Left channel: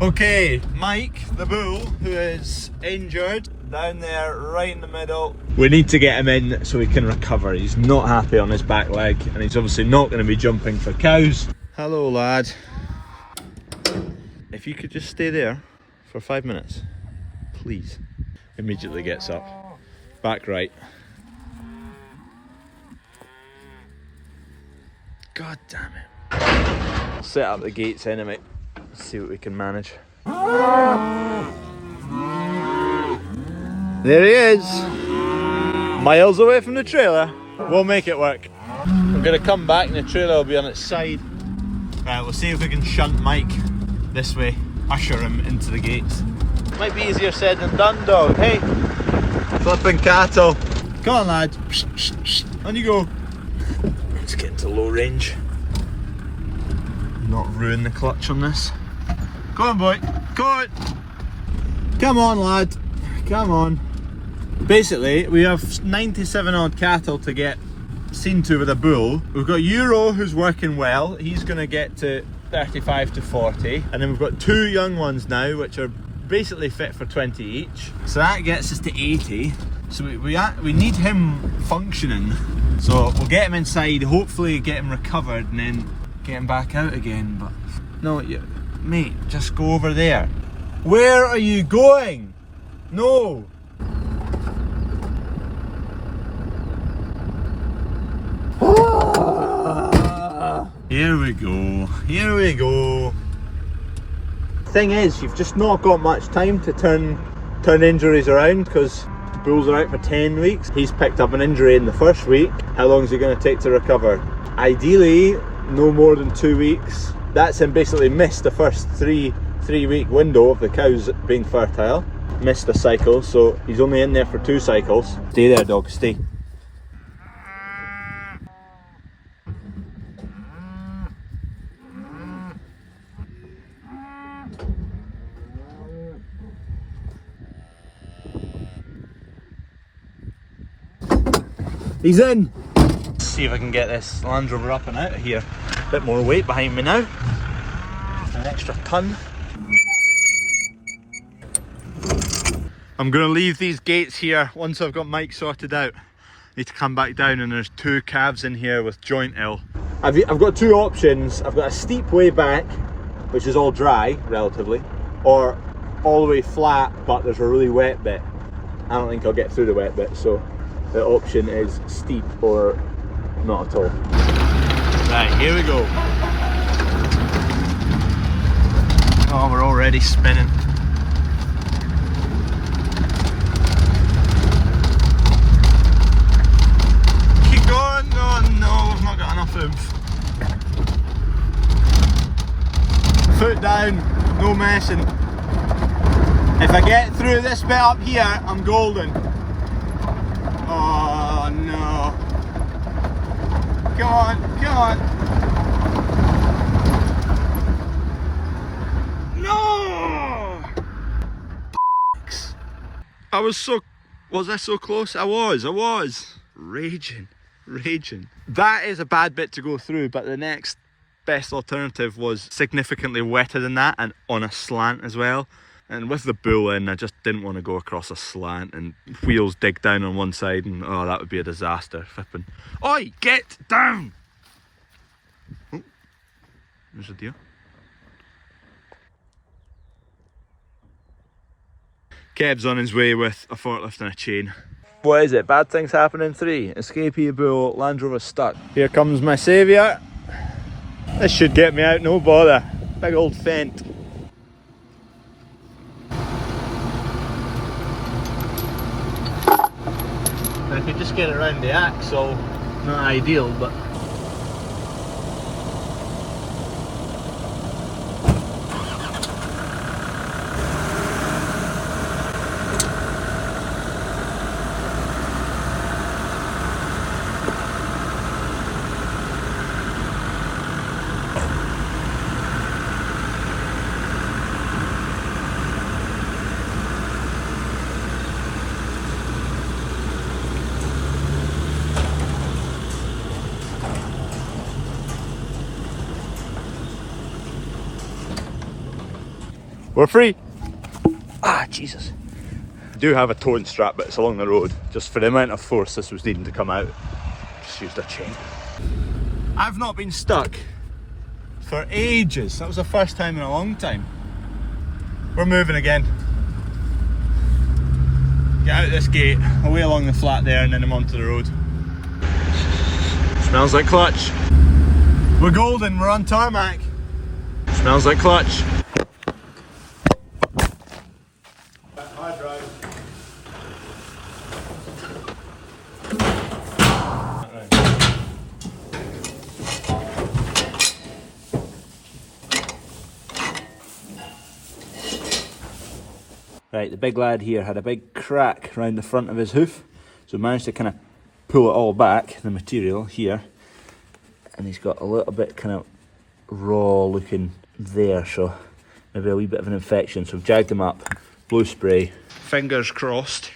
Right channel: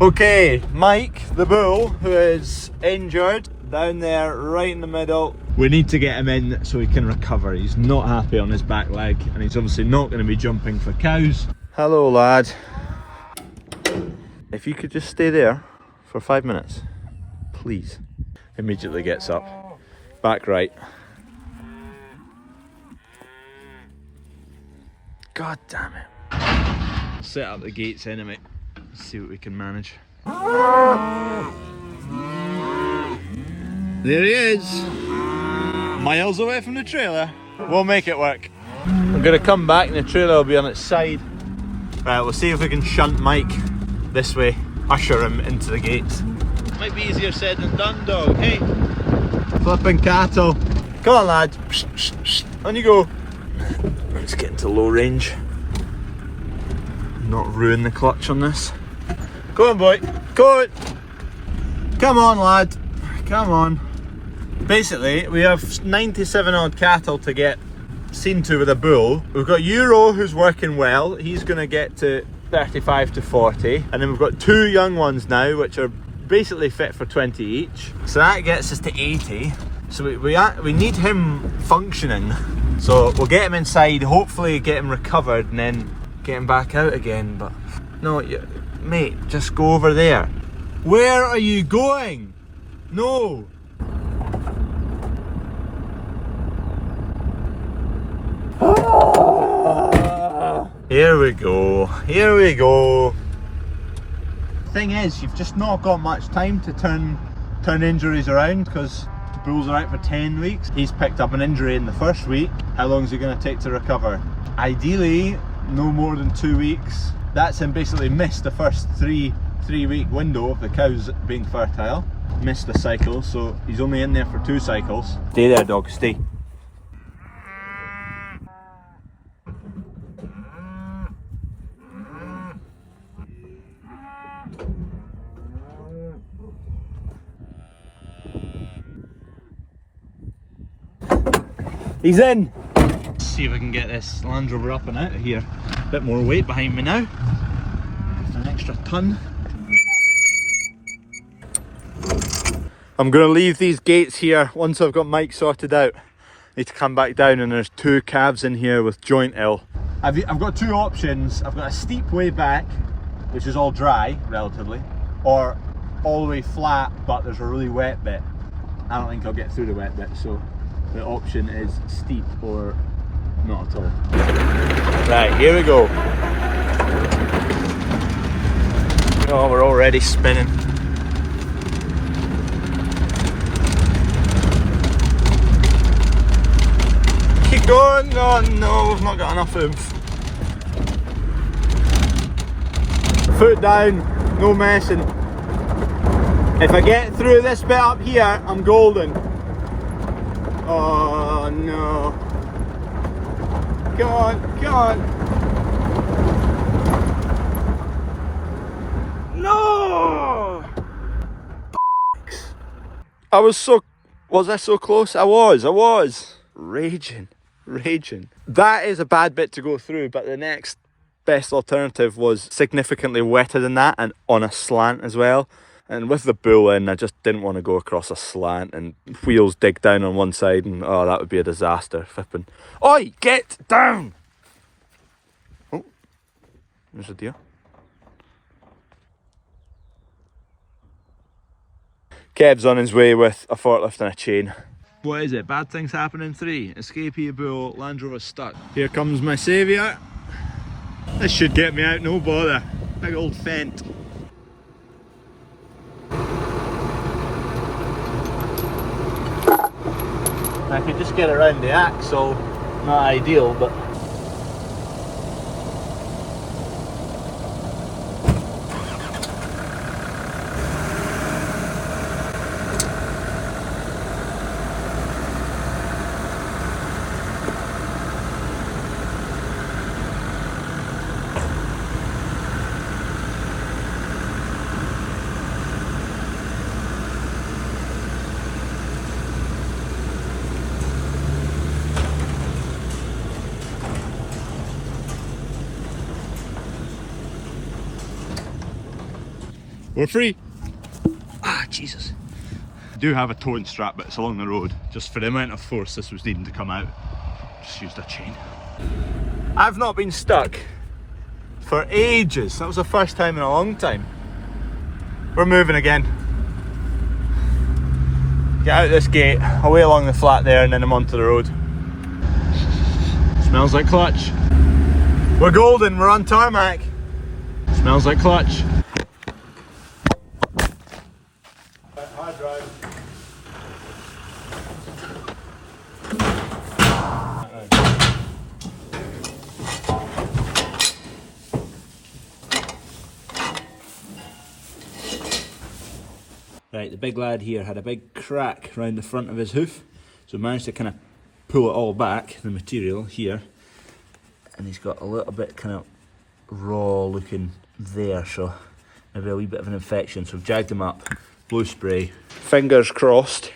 Okay, Mike, the bull, who is injured, down there right in the middle. We need to get him in so he can recover. He's not happy on his back leg and he's obviously not going to be jumping for cows. Hello lad. If you could just stay there for 5 minutes, please. Immediately gets up. Back right. God damn it. I'll set up the gates anyway. Let's see what we can manage. There he is. Miles away from the trailer. We'll make it work. We're gonna come back and the trailer will be on its side. Right, we'll see if we can shunt Mike this way. Usher him into the gates. Might be easier said than done, dog. Hey, flipping cattle. Come on, lad. On you go. Let's get into low range. Not ruin the clutch on this. Go on, boy. Go on. Come on, lad. Come on. Basically, we have 97 odd cattle to get seen to with a bull. We've got Euro, who's working well. He's going to get to 35 to 40. And then we've got 2 young ones now, which are basically fit for 20 each. So that gets us to 80. So we need him functioning. So we'll get him inside, hopefully get him recovered, and then get him back out again. But no, mate, just go over there. Where are you going? No. Here we go. Here we go. Thing is, you've just not got much time to turn injuries around because bulls are out for 10 weeks. He's picked up an injury in the first week. How long is it going to take to recover? Ideally, no more than 2 weeks. That's him basically missed the first three-week window of the cows being fertile. Missed a cycle, so he's only in there for 2 cycles. Stay there, dog, stay. He's in! Let's see if I can get this Land Rover up and out of here. A bit more weight behind me now. An extra ton. I'm going to leave these gates here once I've got Mike sorted out. Need to come back down, and there's 2 calves in here with joint ill. I've got 2 options. I've got a steep way back, which is all dry, relatively, or all the way flat, but there's a really wet bit. I don't think I'll get through the wet bit, so the option is steep or not at all. Right, here we go. Oh, we're already spinning. Keep going. Oh no, we've not got enough oomph. Foot down, no messing. If I get through this bit up here, I'm golden. Oh no. Come on, come on. No! Was I so close? I was. Raging. That is a bad bit to go through, but the next best alternative was significantly wetter than that and on a slant as well. And with the bull in, I just didn't want to go across a slant and wheels dig down on one side, and oh, that would be a disaster. Flipping. Oi, get down! Oh, there's a deer. Kev's on his way with a forklift and a chain. What is it? Bad things happen in 3. Escapee bull, Land Rover stuck. Here comes my saviour. This should get me out, no bother. Big old fent. I could just get around the axle, not ideal, but We're free. Ah, Jesus. I do have a towing strap, but it's along the road. Just for the amount of force this was needing to come out, just used a chain. I've not been stuck for ages. That was the first time in a long time. We're moving again. Get out this gate, away along the flat there, and then I'm onto the road. Smells like clutch. We're golden, we're on tarmac. Smells like clutch. Hard drive. Right, the big lad here had a big crack around the front of his hoof, so we managed to kind of pull it all back, the material here, and he's got a little bit kind of raw looking there, so maybe a wee bit of an infection. So we've jagged him up, blue spray. Fingers crossed,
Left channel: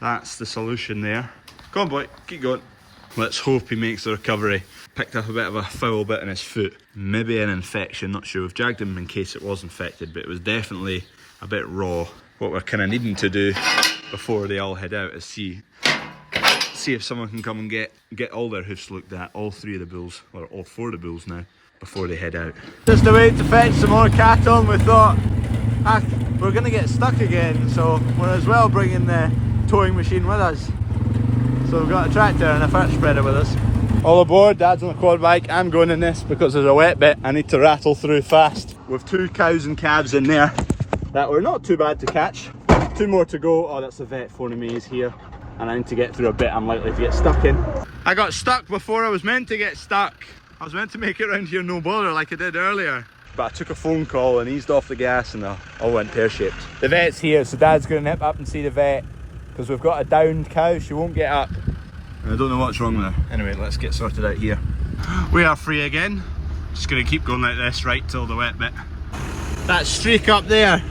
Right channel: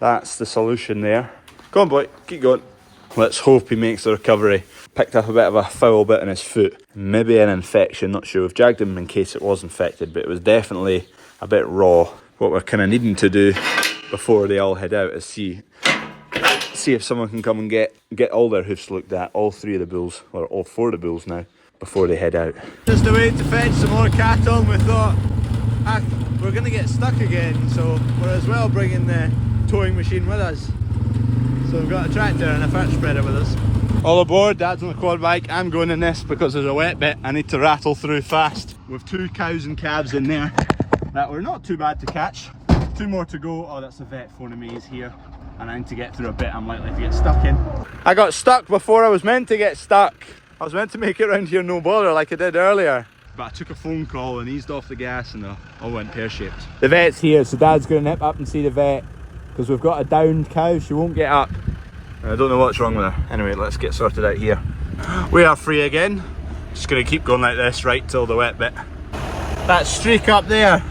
that's the solution there. Go on boy, keep going. Let's hope he makes the recovery. Picked up a bit of a foul bit in his foot, maybe an infection, not sure. We've jagged him in case it was infected, but it was definitely a bit raw. What we're kind of needing to do before they all head out is see if someone can come and get all their hoofs looked at, all 3 of the bulls, or all 4 of the bulls now, before they head out. Just a way to fetch some more cattle, and we thought, we're going to get stuck again, so we're as well bringing the towing machine with us. So we've got a tractor and a fat spreader with us. All aboard, Dad's on the quad bike. I'm going in this because there's a wet bit. I need to rattle through fast. We've 2 cows and calves in there that were not too bad to catch. 2 more to go. Oh, that's a vet phoning me, he's here. And I need to get through a bit I'm likely to get stuck in. I got stuck before I was meant to get stuck. I was meant to make it around here no bother like I did earlier. But I took a phone call and eased off the gas and I all went pear-shaped. The vet's here, so Dad's going to nip up and see the vet because we've got a downed cow, she won't get up. I don't know what's wrong with her. Anyway, let's get sorted out here. We are free again. Just going to keep going like this right till the wet bit. That streak up there,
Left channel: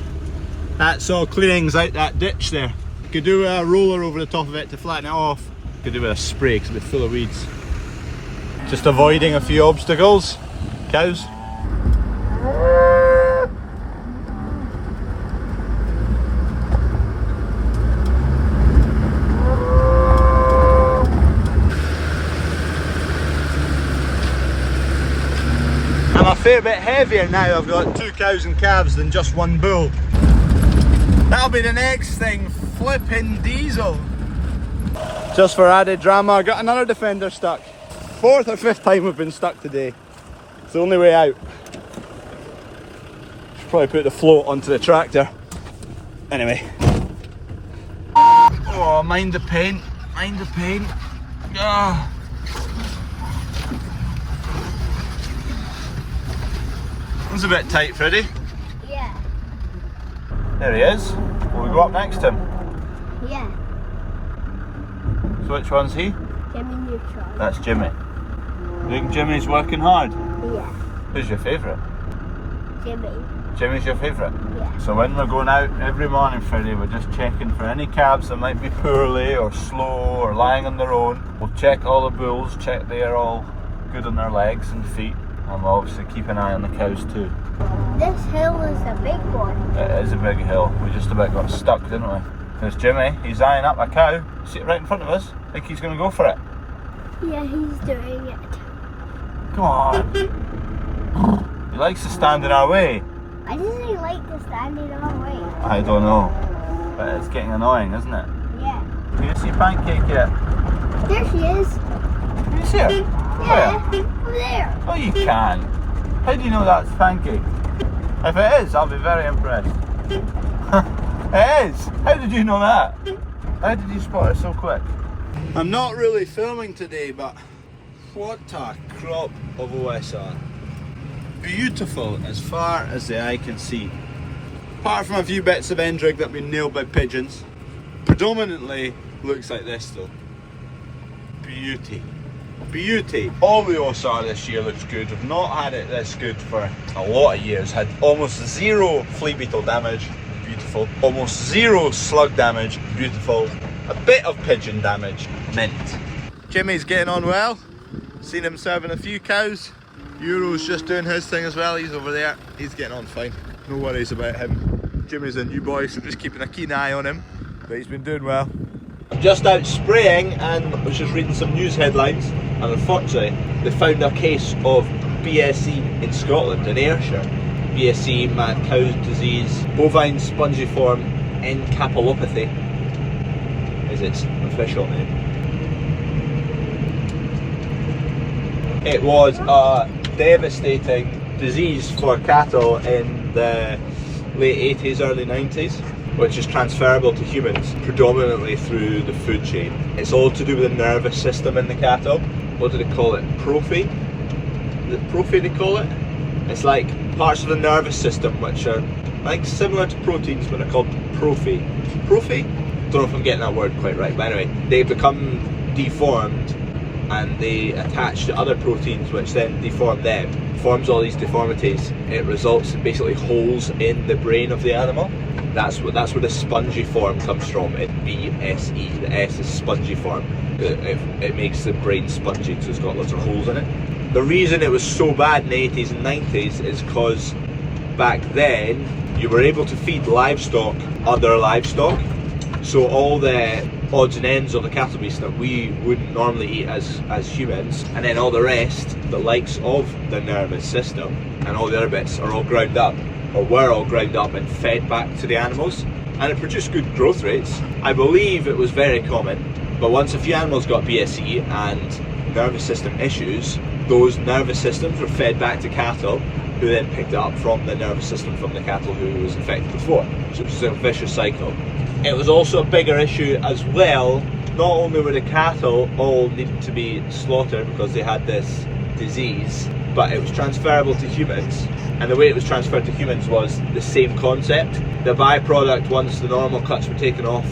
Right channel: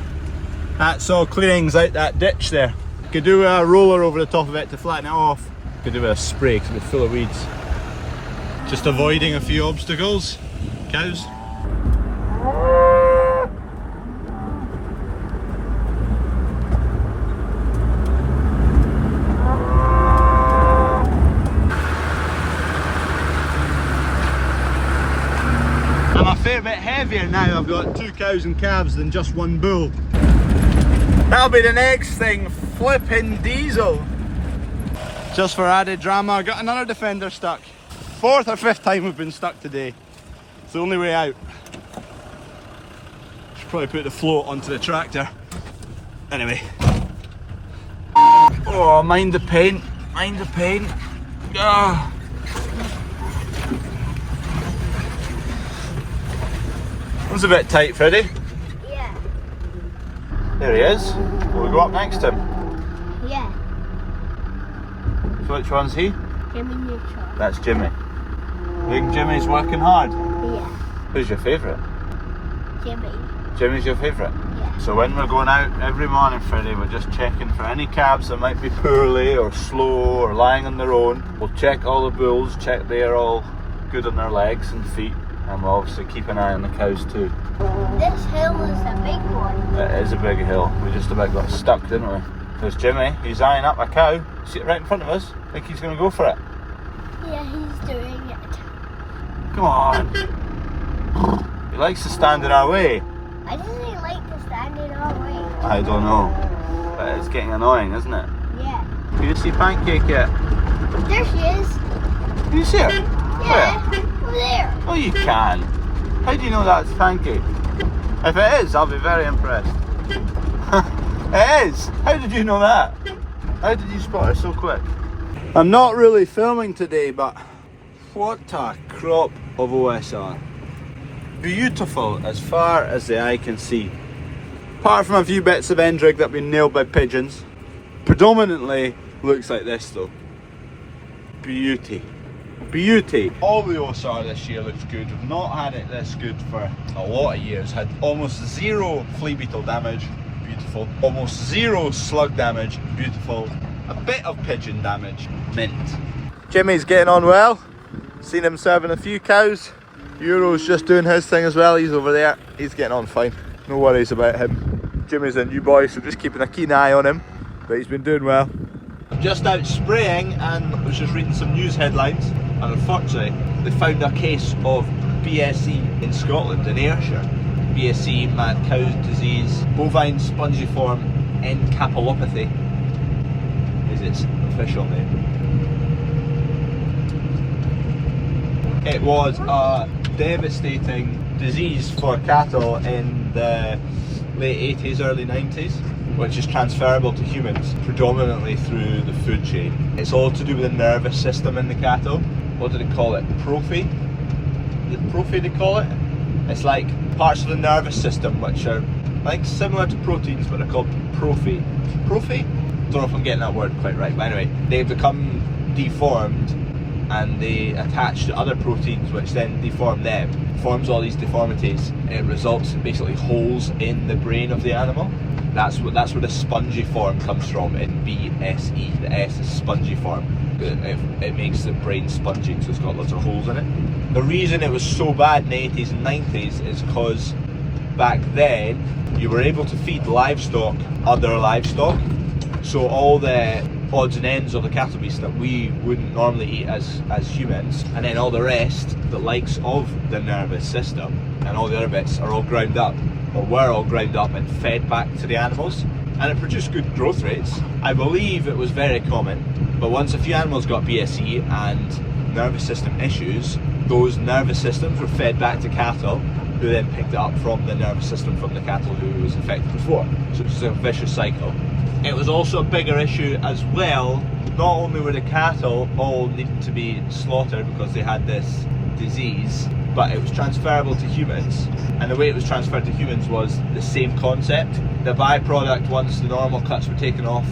that's all clearings out that ditch there. Could do a roller over the top of it to flatten it off. Could do with a spray because it'll be full of weeds. Just avoiding a few obstacles. Cows. I'm a fair bit heavier now. I've got 2 cows and calves than just 1 bull. That'll be the next thing, flipping diesel. Just for added drama, I got another defender stuck. 4th or 5th time we've been stuck today. It's the only way out. Should probably put the float onto the tractor. Anyway. Oh, mind the paint, mind the paint. Ah. One's a bit tight, Freddie. Yeah. There he is. Will we go up next to him? Yeah. So which one's he? Jimmy Neutral. That's Jimmy. Think Jimmy's working hard? Yeah. Who's your favourite? Jimmy. Jimmy's your favourite? Yeah. So when we're going out every morning, Freddie, we're just checking for any calves that might be poorly or slow or lying on their own. We'll check all the bulls, check they're all good on their legs and feet, and we'll obviously keep an eye on the cows too. This hill is a big one. It is a big hill. We just about got stuck, didn't we? There's Jimmy, he's eyeing up a cow. See it right in front of us? I think he's going to go for it. Yeah, he's doing it. Come on. He likes to stand in our way. Why does he like to stand in our way? I don't know. But it's getting annoying, isn't it? Yeah. Do you see Pancake yet? There she is. Do you see her? Yeah. Where? Over there. Oh, you can. How do you know that's Pancake? If it is, I'll be very impressed. It is. How did you know that? How did you spot it so quick? I'm not really filming today, but what a crop of OSR. Beautiful as far as the eye can see. Apart from a few bits of end rig that have been nailed by pigeons. Predominantly looks like this though. Beauty. Beauty. All the OSR this year looks good. We've not had it this good for a lot of years. Had almost 0 flea beetle damage. Beautiful. Almost 0 slug damage. Beautiful. A bit of pigeon damage. Mint. Jimmy's getting on well. Seen him serving a few cows. Euro's just doing his thing as well. He's over there. He's getting on fine. No worries about him. Jimmy's a new boy, so just keeping a keen eye on him. But he's been doing well. I'm just out spraying and I was just reading some news headlines, and unfortunately they found a case of BSE in Scotland, in Ayrshire. BSE, mad cow disease, bovine spongiform encephalopathy is its official name. It was a devastating disease for cattle in the late 80s, early 90s, which is transferable to humans predominantly through the food chain. It's all to do with the nervous system in the cattle. What do they call it? Prophy? Is it prophy they call it? It's like parts of the nervous system which are like similar to proteins, but are called prophy. Prophy? Don't know if I'm getting that word quite right, but anyway, they become deformed and they attach to other proteins which then deform them. Forms all these deformities. It results in basically holes in the brain of the animal. That's where the spongiform comes from in BSE. The S is spongiform. It makes the brain spongy, so it's got lots of holes in it. The reason it was so bad in the 80s and 90s is because back then you were able to feed livestock other livestock. So all the odds and ends of the cattle beast that we wouldn't normally eat as humans, and then all the rest, the likes of the nervous system and all the other bits, are all ground up, or were all ground up and fed back to the animals, and it produced good growth rates. I believe it was very common, but once a few animals got BSE and nervous system issues, those nervous systems were fed back to cattle, who then picked it up from the nervous system from the cattle who was infected before. So it was a vicious cycle. It was also a bigger issue as well. Not only were the cattle all needing to be slaughtered because they had this disease, but it was transferable to humans. And the way it was transferred to humans was the same concept. The byproduct, once the normal cuts were taken off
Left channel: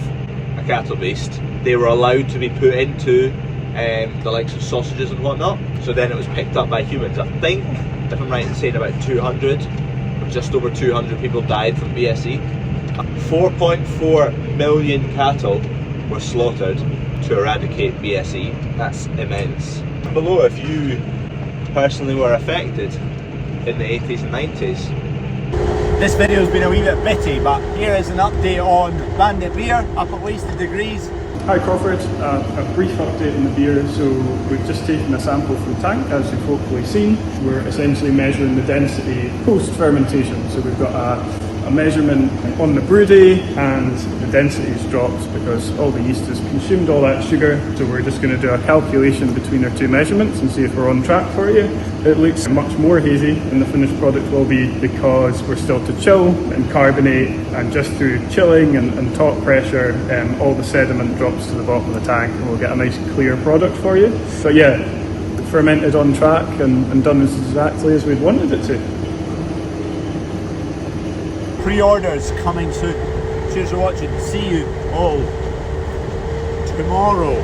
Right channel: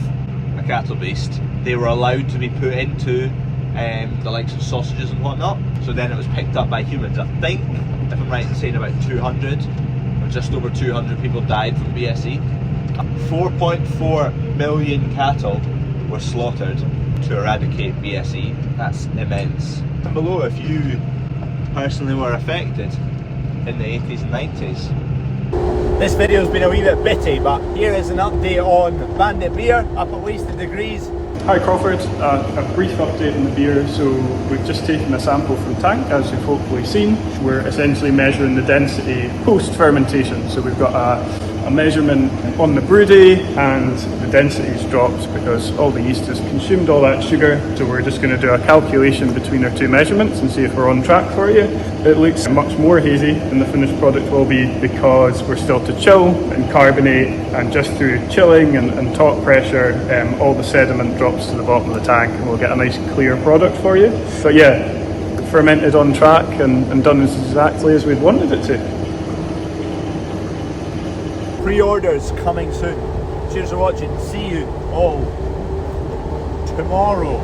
a cattle beast, they were allowed to be put into the likes of sausages and whatnot. So then it was picked up by humans. I think, if I'm right in saying, about 200 or just over 200 people died from BSE. 4.4 million cattle were slaughtered to eradicate BSE. That's immense. And below if you personally were affected in the 80s and 90s. This video's been a wee bit bitty, but here is an update on Bandit beer up at Wasted Degrees. Hi Crawford, a brief update on the beer. So we've just taken a sample from the tank, as you've hopefully seen. We're essentially measuring the density post-fermentation. So we've got a measurement on the brew day, and the density's dropped because all the yeast has consumed all that sugar. So we're just going to do a calculation between our two measurements and see if we're on track for you. It looks much more hazy than the finished product will be because we're still to chill and carbonate, and just through chilling and top pressure, all the sediment drops to the bottom of the tank and we'll get a nice clear product for you. But yeah, fermented on track and done exactly as we'd wanted it to. Pre-orders coming soon. Cheers for watching. See you all tomorrow.